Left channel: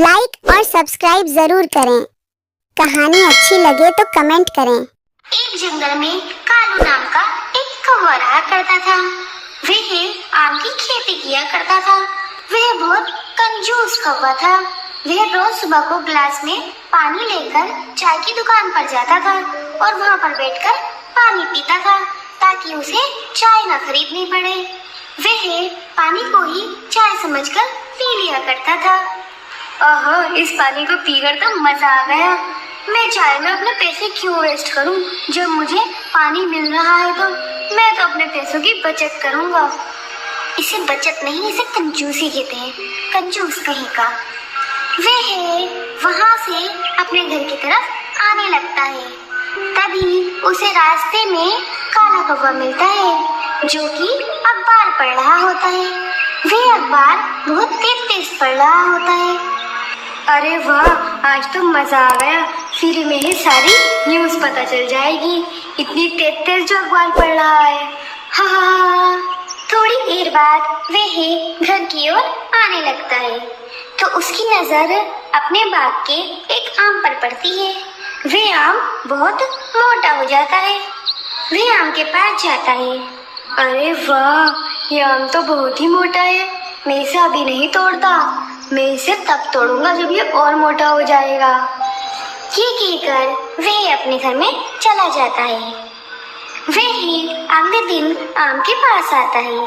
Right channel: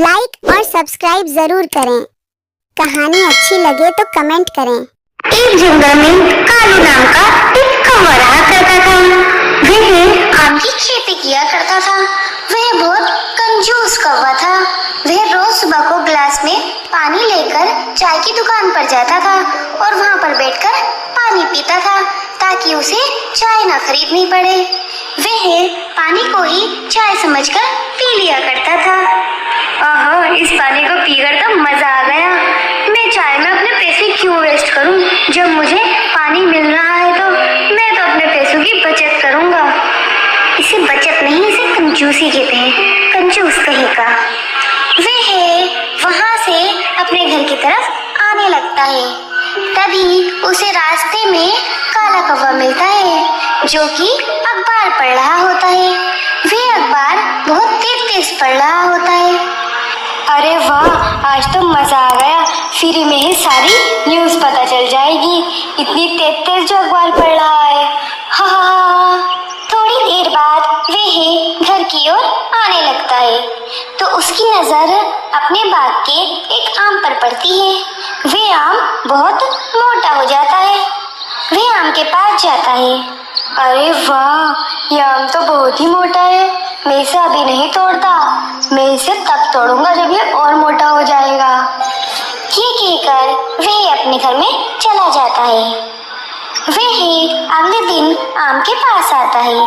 Like और subscribe जरूर करें। कहानी अच्छी लगे तो कमेंट करें। एक जंगल में कालू नाम का एक कौवा रहा करता था। वह आम की खेती किया करता था। वह बहुत कंजूस कौवा था। वह रोज सुबह को गिलास में पानी लेकर चाय की दुकान पर जाता था और वहां पर बैठकर पानी पीता था ताकि उसे चाय ना खरीदनी पड़े। वह पानी को ही चाय समझकर पी लिया करता था। आहा, इस पानी को पीकर तो मजा आ गया। मैं चाय में अपने पैसे क्यों वेस्ट करूं? जब मुझे पानी मिल रहा है तो मैं तो अपने पैसों की बचत करूंगा। इसे बचत नहीं, इसे कंजूसी कहते हैं। कंजूस कहीं का। वह वहां से अपने घर की तरफ आने लगता है। तभी उसे रास्ते में काला कौवा मिलता है जो कि अखबार पढ़ रहा होता है। वह अखबार बहुत तेज पढ़ रहा होता है। अरे वाह, आज तो मजा आ गया। फ्री में ही सारी न्यूज पता चल जाएगी। इतनी तेज जो अखबार पढ़ रहा है। हाँ, थोड़ी देर बाद वह घर की ओर आने लगता है तो उसकी नजर अपने बाग के एक आम पर पड़ती है। वह आम बहुत मोटा हो जाता है। वह आम के पास जाता है। अरे वाह, यह आम तो बहुत ही मोटा है। मैं इसे अभी नहीं तोड़ता। मैं इसे तब तोड़ूंगा जब ये और मोटा हो जाएगा। ये कहकर वह अपने घर में चला जाता है। वह अगले दिन आम के पास आता है।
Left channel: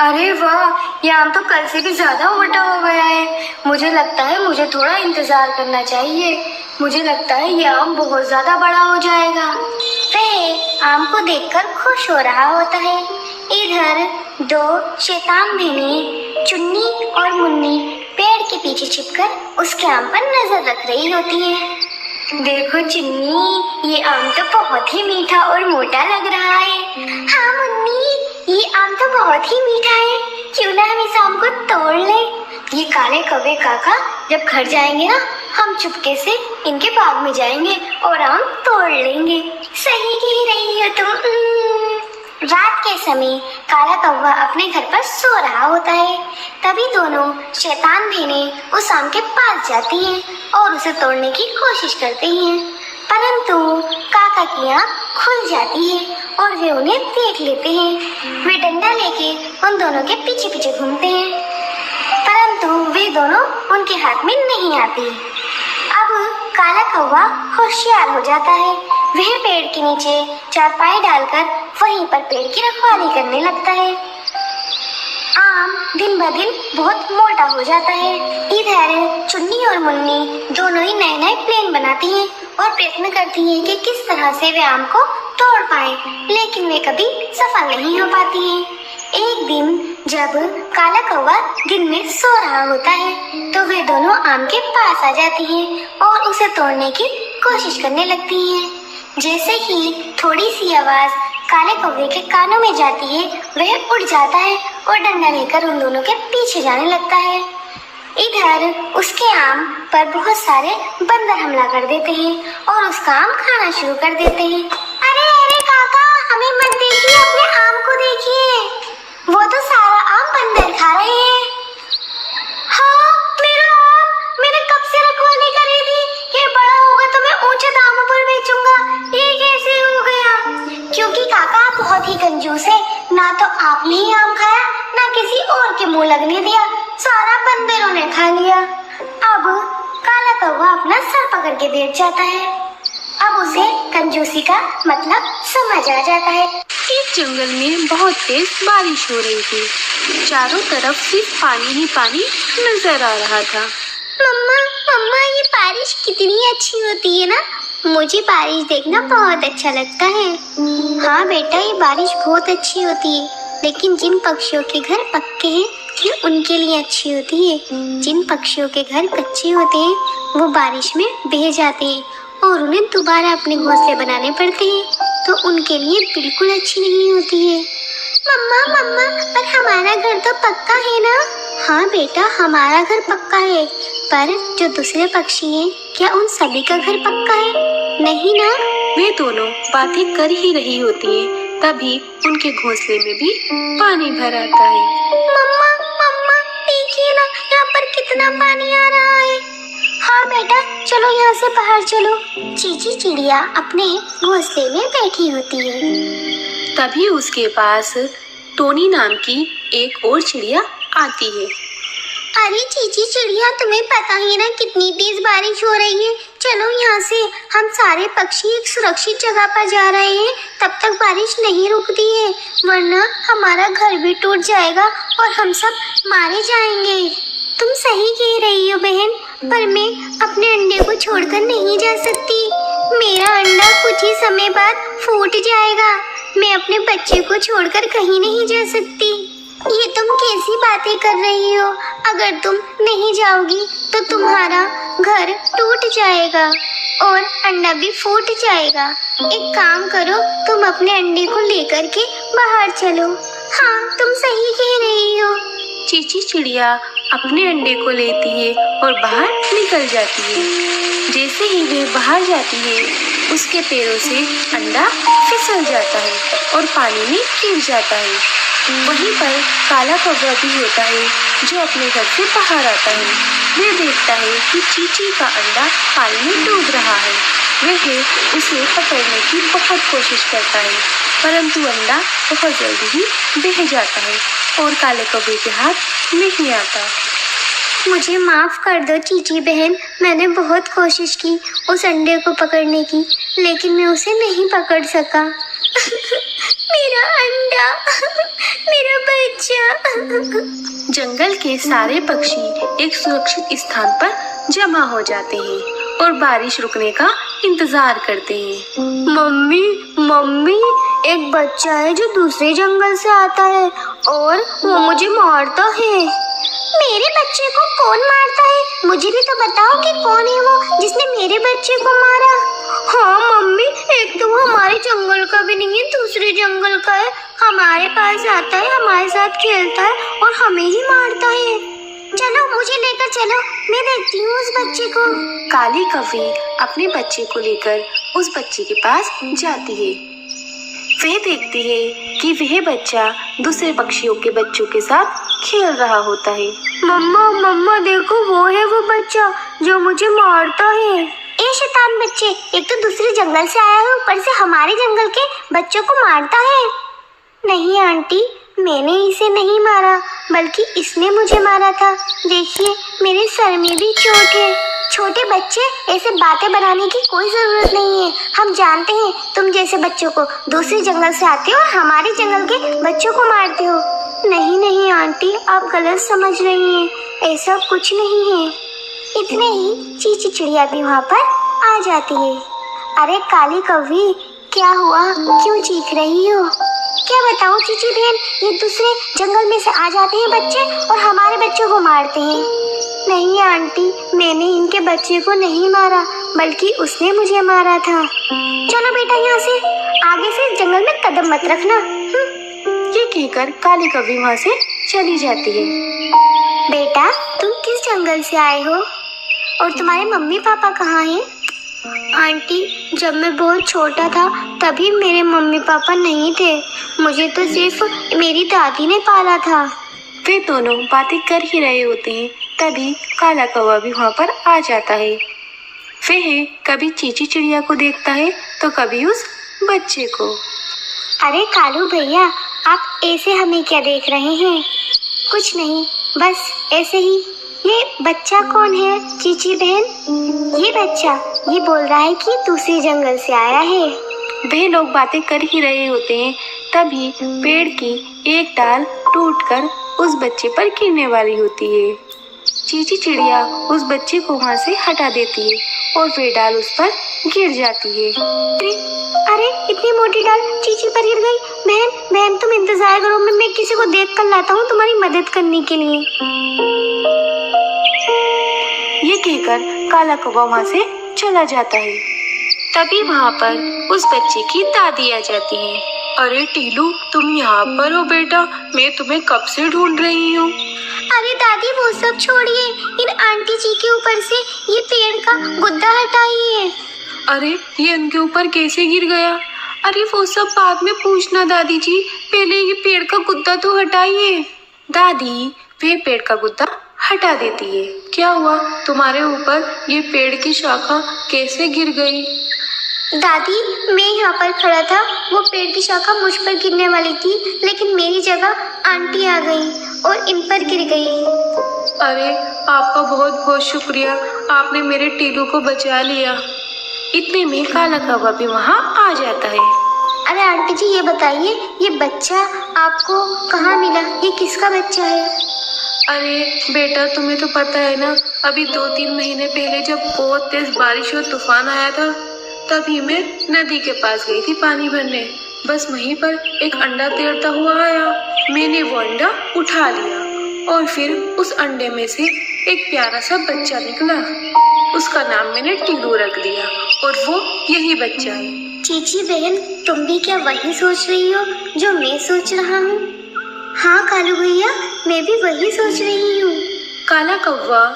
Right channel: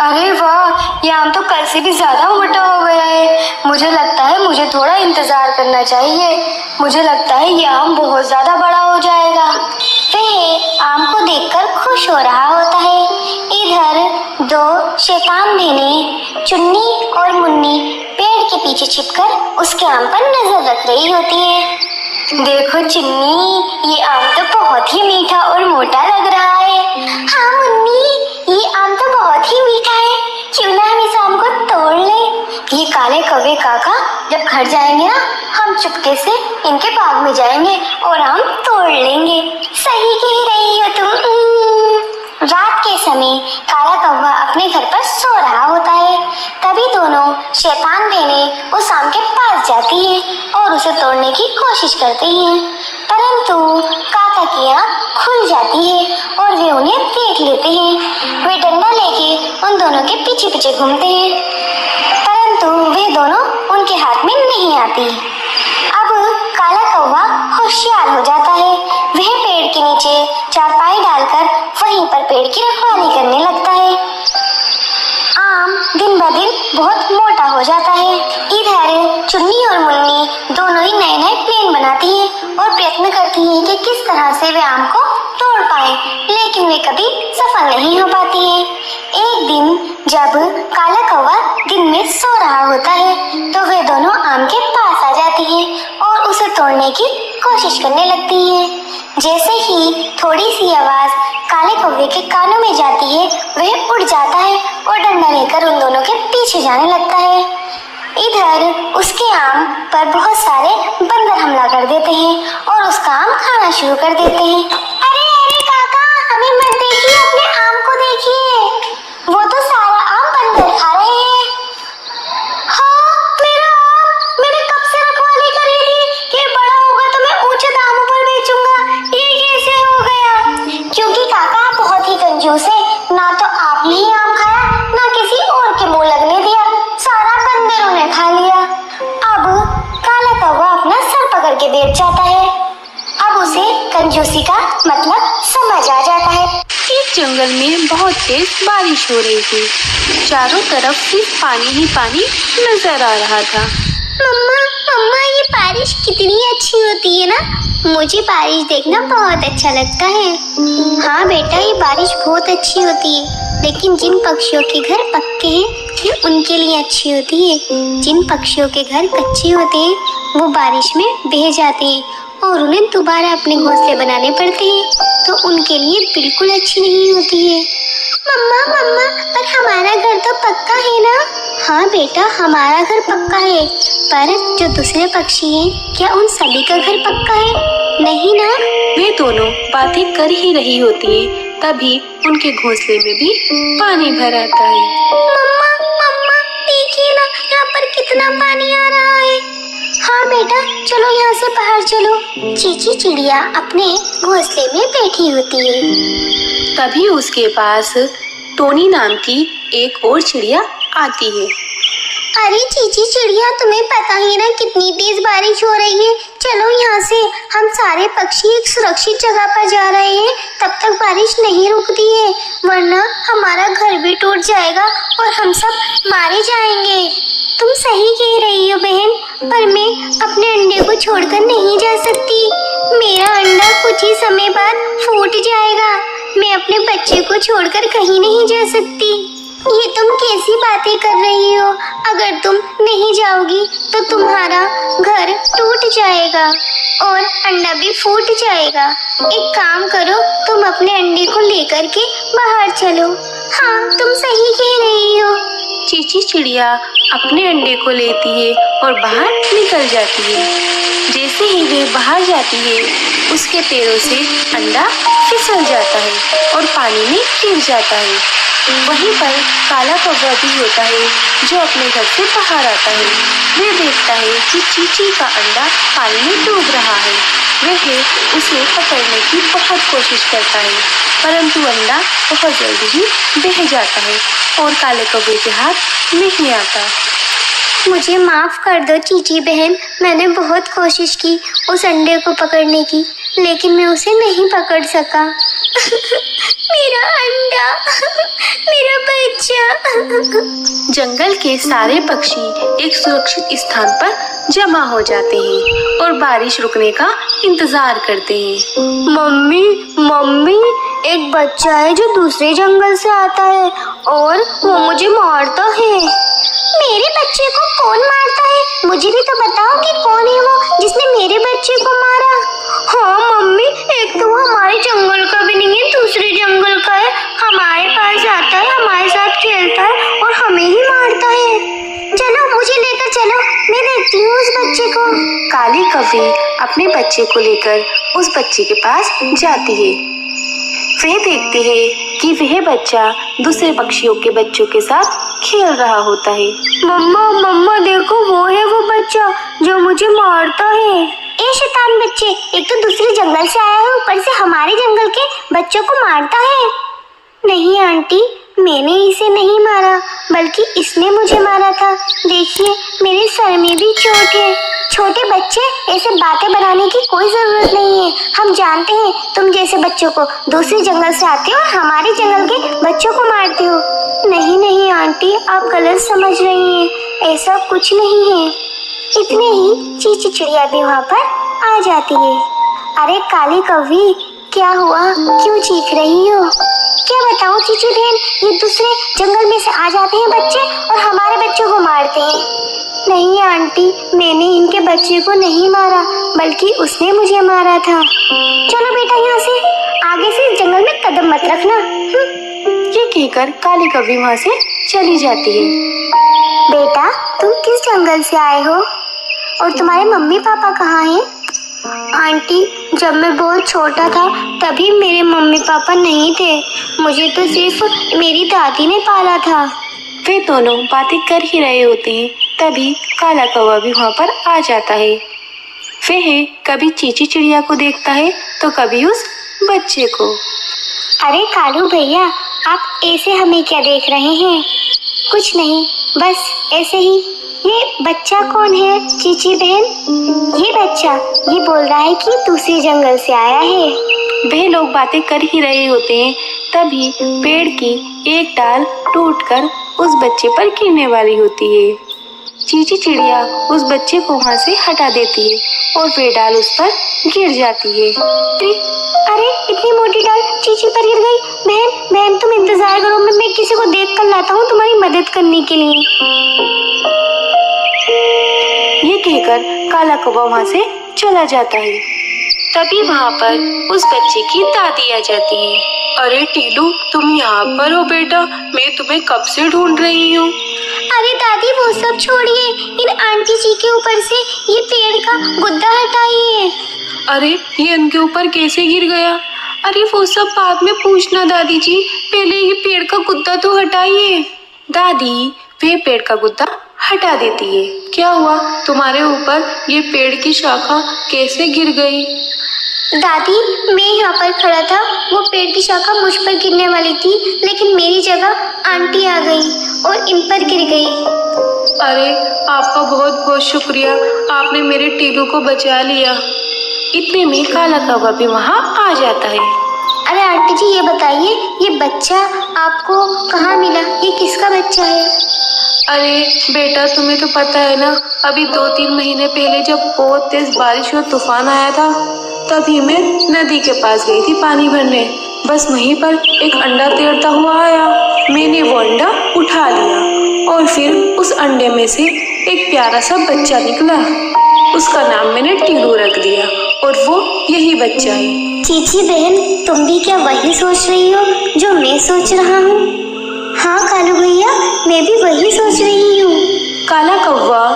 अरे वाह, ये आम तो कल से भी ज्यादा मोटा हो गया है। मुझे लगता है मुझे थोड़ा इंतजार करना चाहिए। मुझे लगता है ये आम बहुत ज्यादा बड़ा हो जाएगा। वह आम को देखकर खुश हो रहा होता है। इधर दो शैतान बहनें चुन्नी और मुन्नी पेड़ के पीछे छिपकर उसके आम पर नजर रख रही होती है। देखो चुन्नी, ये आम तो बहुत ही मीठा और मोटा लग रहा है। हाँ मुन्नी, ये आम तो बहुत ही मीठा है। क्यों ना हम इस आम को तोड़ लें? ये काले कौवे काका जब घर जाएंगे ना, हम चुपके से इनके बाग में जाएंगे और आम तोड़ लेंगे। सही कह रही हो तुम। रात के समय काला कौवा अपने घर पर सो रहा होता है। तभी दोनों शैतान बहनें उस आम के पास जाती हैं और उसे तोड़ने की कोशिश करती हैं, परंतु काका की आंख खुल जाती है और वे उन्हें देख लेते हैं। वे डंडा लेके उन दोनों के पीछे पीछे घूमते हैं, परंतु वे दोनों उनके हाथ में नहीं आती। अब काला कौवा होशियार हो जाता है। वह पेड़ के नीचे चारपाई डालकर वहीं पर पेड़ की रखवाली करने लगता है। आम दिन ब दिन बहुत मोटा हो जाता है। इधर चुन्नी और मुन्नी दोनों ही नए नए प्लान बनाती हैं और प्रयत्न करती हैं कि किस तरह से वे आम को तोड़ पाए, लेकिन वे कभी सफल नहीं हो पाती हैं। एक दिन जब काला कौवा दिन में सो रहा होता है तो वे दोनों आम के पास आ जाती हैं और उसे तोड़ने की कोशिश करने लगती हैं। जैसे ही थोड़ी सी आवाज काले कौवे के कानों में जाती है, वह उड़ जाता है और डंडा लेकर उन दोनों के पीछे जाने लगता है। इधर उसके आम पर बहुत सारे बंदर हमला कर देते हैं और उसका आम खाना शुरू कर देते हैं। अरे अरे काका, हमें मत देखिए, अपने आम को देखिए, वो तो सारा आम बंदर खा रहे हैं। हाँ, मेरा आम, मैंने कब से रखवाली करी थी। ये बड़ा होगा तो मैं ऊंचे दामों पर बेचूंगा। ये कैसे हो गया? क्योंकि काका आप बहुत ही कंजूस है। ना तो आपने ही आम खाया, ना किसी और के मुंह लगने दिया, सारा बंदरों ने खा लिया। अब काला कौवा अपना सर पकड़ के बैठ जाता है। अब उसे कंजूसी का मतलब समझ आ जाता है। इस जंगल में बहुत तेज बारिश हो रही थी। चारों तरफ सिर्फ पानी ही पानी नजर आ रहा था। मम्मा मम्मा, ये बारिश कितनी अच्छी होती है ना। मुझे बारिश देखना बहुत अच्छा लगता है। हाँ बेटा, ये बारिश बहुत अच्छी होती है, लेकिन जिन पक्षियों के घर पक्के हैं ये उनके लिए अच्छी होती है। जिन पक्षियों के घर कच्चे होते हैं वो बारिश में बह जाते हैं और उन्हें दोबारा अपने घोंसले बनाने पड़ते हैं, तो उनके लिए बिल्कुल अच्छी नहीं होती है। मम्मा मम्मा, पर हमारा घर तो पक्का है ना। हाँ बेटा, हमारा घर पक्का है, पर जो दूसरे पक्षी हैं, क्या उन सभी का घर पक्का है? नहीं ना। वे दोनों बातें कर ही रही होती हैं, तभी उनके घोंसले में भी पानी भर आता है। मम्मा मम्मा, देखिए ना, यहाँ पर कितना पानी आ रहा है। चीची चिड़िया अपने घोंसले में बैठी होती है। तभी उसके पास टोनी नाम की एक और चिड़िया आती है। अरे चीची चिड़िया, तुम्हें पता ही ना कितनी तेज बारिश हो रही है। चलो यहाँ से हम सारे पक्षी एक सुरक्षित जगह पर जा रहे हैं, तब तक बारिश नहीं रुकती है, वरना हमारा घर भी टूट जाएगा और हम सब मारे जाएंगे। तुम सही कह रही हो बहन, पर मैं अपने अंडे को छोड़कर नहीं जा सकती। मेरा अंडा कुछ ही समय बाद फूट जाएगा। मैं अपने बच्चे को छोड़कर कहीं नहीं जा सकती। ये तुम कैसी बातें कर रही हो? अगर तुम नहीं जाओगी तो तुम्हारा घर टूट जाएगा और अंडा भी फूट जाएगा। एक काम करो, तुम अपने अंडे को लेकर के बाहर चलो। हाँ, तुम सही कह रही हो। चीची चिड़िया अपने अंडे को लेती है और बाहर निकल जाती है। जैसे ही वह बाहर जाती है, उसके पैरों से अंडा फिसल जाता है और पानी में गिर जाता है। वहीं पर काला कौवा भी होता है, जो अपने घर से बाहर आता है। वह देखता है कि चीची का अंडा पानी में डूब रहा है। वह उसे पकड़ने की बहुत कोशिश करता है, परंतु अंडा बहुत जल्दी ही बह जाता है और काले कौवे के हाथ नहीं आता। मुझे माफ कर दो चीची बहन, मैंने बहुत कोशिश की उस अंडे को पकड़ने की, लेकिन मैं उसे नहीं पकड़ सका। मेरा अंडा, मेरा बच्चा। जंगल के सारे पक्षी एक सुरक्षित स्थान पर जमा हो जाते हैं और बारिश रुकने का इंतजार करते हैं। मम्मी मम्मी, एक बच्चा है जो दूसरे जंगल से आता है और वो मुझे मारता है। मेरे बच्चे को कौन मारता है? मुझे भी तो बताओ कि कौन है वो जिसने मेरे बच्चे को मारा। हाँ मम्मी, एक तो वो हमारे जंगल का भी नहीं है, दूसरे जंगल का है। हमारे पास आता है, हमारे साथ खेलता है और हमें ही मारता है। चलो मुझे लेकर चलो, मैं देखती हूँ उस बच्चे को। काली कौवे अपने बच्चे को लेकर उस बच्चे के पास जाती है। वह देखते हैं कि वह बच्चा दूसरे पक्षियों के बच्चों के साथ खेल रहा होता है। मम्मा मम्मा देखो, वो है वो बच्चा जो मुझे मारता है। ए शैतान बच्चे, एक तो दूसरे जंगल से आया है, ऊपर से हमारे जंगल के बच्चों को मारता है। नहीं आंटी, मैंने इसे नहीं मारा, बल्कि इसने मुझे मारा था। देखिए, मेरे सर में भी चोट है। छोटे बच्चे, ऐसे बातें बनाने की कोई जरूरत नहीं है। हम जानते हैं तुम जैसे बच्चों को दूसरे जंगल से आते हो और हमारे जंगल के बच्चों को मारते हो। नहीं नहीं आंटी, आप गलत समझ रही हैं, ऐसा कुछ नहीं है। इतने ही चीची चिड़िया भी वहाँ पर आ जाती है। अरे काले कौवे, क्या हुआ? क्यों चीख रही हो? क्या बताऊं चीची बहन, ये दूसरे जंगल में से आ जाते हैं बच्चे और हमारे बच्चों को मारते हैं। नहीं आंटी, मैंने इनके बच्चे को नहीं मारा, बल्कि उसने मुझे मारा था। चलो बेटा, यहाँ से आगे से जंगल में कदम मत रखना। ये कहकर काली कौवे वहाँ से चली जाती है। बेटा, तुम किस जंगल से आए हो और तुम्हारे मम्मी पापा कहाँ हैं? आंटी, जब मैं बहुत छोटा था तभी मेरे मम्मी पापा नहीं थे। मुझे तो सिर्फ मेरी दादी ने पाला था। वे दोनों बातें कर ही रहे होते हैं, तभी काला कौवा भी वहाँ पर आ जाता है। वह कभी चीची चिड़िया को देखता है तो कभी उस बच्चे को। अरे कालू भैया, आप ऐसे हमें क्या देख रहे हैं? कुछ नहीं, बस ऐसे ही। ये बच्चा कौन है चीची बहन? ये बच्चा ये बोल रहा है कि दूसरे जंगल से आया है। वह लोग बातें कर ही रहे होते हैं, तभी पेड़ की एक डाल टूटकर उस बच्चे पर गिरने वाली होती है। चीची चिड़िया उस बच्चे को वहाँ से हटा देती है और वह डाल उस पर गिर जाती है। अरे इतनी मोटी डाल चीची पर गिर गई। बहन बहन, तुम इंतजार करो, मैं किसी को देख कर लाता हूँ तुम्हारी मदद करने के लिए। ये कहकर काला कौवा वहाँ से चला जाता है। तभी वहाँ पर उस बच्चे की दादी आ जाती है। अरे टीलू, तुम यहाँ पर हो बेटा, मैं तुम्हें कब से ढूंढ रही हूँ। अरे दादी, वो सब छोड़िए, इन आंटी जी के ऊपर से ये पेड़ का गुद्दा हटाइए। अरे ये उनके ऊपर कैसे गिर गया? अरे वो सब बाद में पूछना दादी जी, पहले ये पेड़ का गुद्दा तो हटाइए। दादी वह पेड़ का गुद्दा हटा देती है। क्या हुआ, तुम्हारे ऊपर ये पेड़ की शाखा कैसे गिर गई? दादी, मैं यहाँ पर खड़ा था, वो पेड़ की शाखा मुझ पर गिरने वाली थी, लेकिन मेरी जगह आंटी आ गई और इन पर गिर गई। अरे आपका बहुत बहुत शुक्रिया, आपने मेरे टीलू को बचा लिया। इतने में काला कौवा भी वहाँ आ जाता है। अरे आंटी जी, ये बताइए, ये बच्चा आपको कहाँ मिला? ये किसका बच्चा है? अरे बेटा, तुम्हें तो पता है ना, अभी 2-3 महीने पहले जब बहुत तेज बारिश और तूफान आया था, तभी मैं नदी के पास गई थी पानी भरने। बस वहीं पर एक अंडा तैरता हुआ आया। मैंने वो अंडा उठा लिया और फिर उस अंडे में से एक प्यारा सा बच्चा निकला। उसका नाम मैंने टीलू रख दिया और वो यही बच्चा है। चीची बहन, तुम भी क्या वही सोच रही हो जो मैं सोच रहा हूँ? हाँ कालू भैया, मैं भी वही सोच रही हूँ। काला कौवा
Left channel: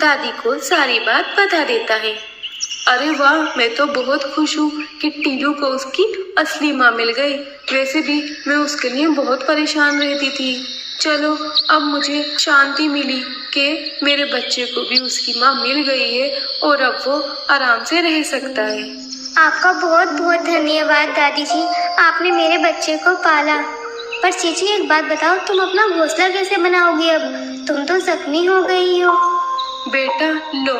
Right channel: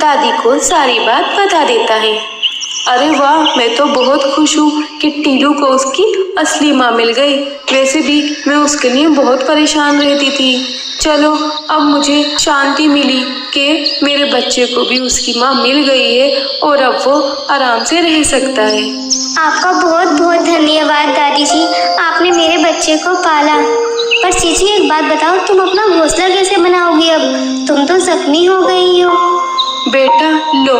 दादी को सारी बात बता देता है। अरे वाह, मैं तो बहुत खुश हूँ कि टीलू को उसकी असली माँ मिल गई। वैसे भी मैं उसके लिए बहुत परेशान रहती थी। चलो, अब मुझे शांति मिली कि मेरे बच्चे को भी उसकी माँ मिल गई है और अब वो आराम से रह सकता है। आपका बहुत बहुत धन्यवाद दादी जी, आपने मेरे बच्चे को पाला। पर चीची, एक बात बताओ, तुम अपना घोंसला कैसे बनाओगी? अब तुम तो जख्मी हो गई हो। बेटा लो,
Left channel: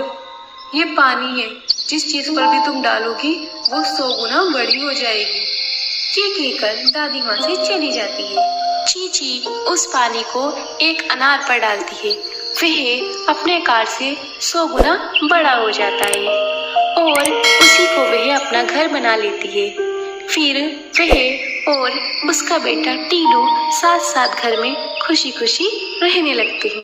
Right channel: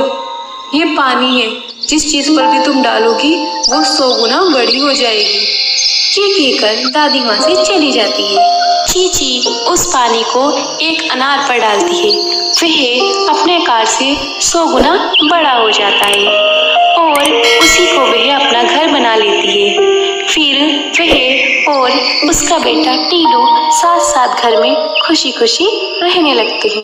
ये पानी है, जिस चीज पर भी तुम डालोगी वो 100 गुना बड़ी हो जाएगी। ये कहकर दादी माँ से चली जाती है। चीची उस पानी को एक अनार पर डालती है। वह अपने आकार से 100 गुना बड़ा हो जाता है और उसी को वह अपना घर बना लेती है। फिर वह और उसका बेटा टीलू साथ साथ घर में खुशी खुशी रहने लगते हैं।